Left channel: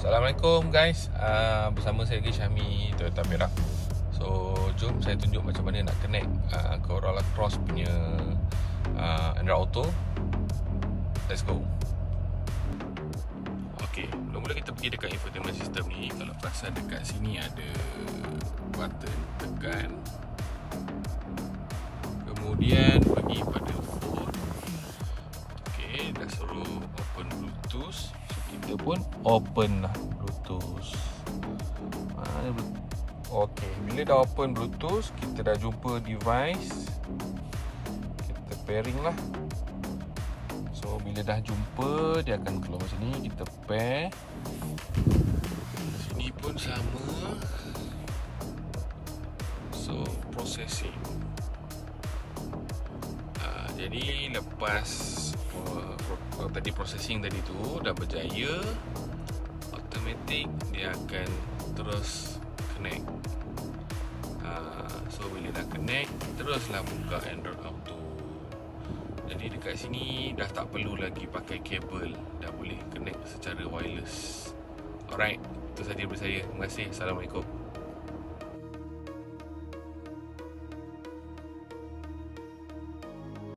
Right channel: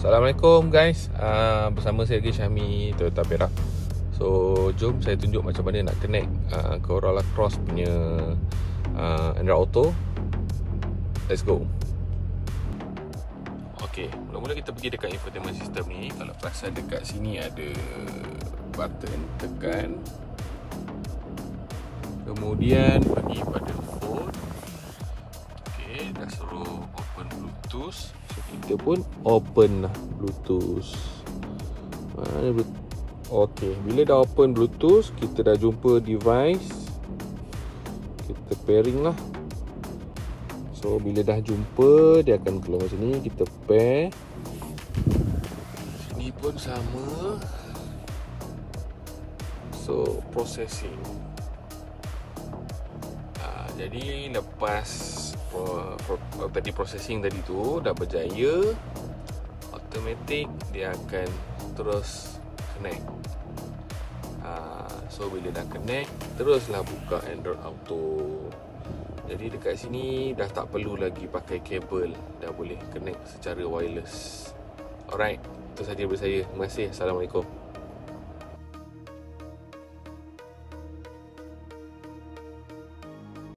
Assalamualaikum guys, bersama saya lagi Syahmi Toyota Perak. So jom saya tunjuk macam mana nak connect Corolla Cross punya Android Auto. Let's go. Ok, mula-mula kita pergi dekat infotainment system ni. Kalau perasan dekat sini ada button, tekan. Kemudian pergi pada phone. Ok, dah suruh open Bluetooth. Kita pun open Bluetooth. Ok, bila dah open Bluetooth, kita dah jumpa device. Kita pairing lah. So bila dah jumpa, dia akan keluar sini. Kita pair. Sini pun sama. So processing. Jadi lepas tadi processing tadi tu dah berjaya, automatic dia akan terus connect. So bila dah connect, teruslah buka Android Auto. Jadi dekat sini dah tak perlu lagi pakai kabel, dah boleh connect secara wireless. Alright, itu sahaja dari saya. Terima kasih. Assalamualaikum.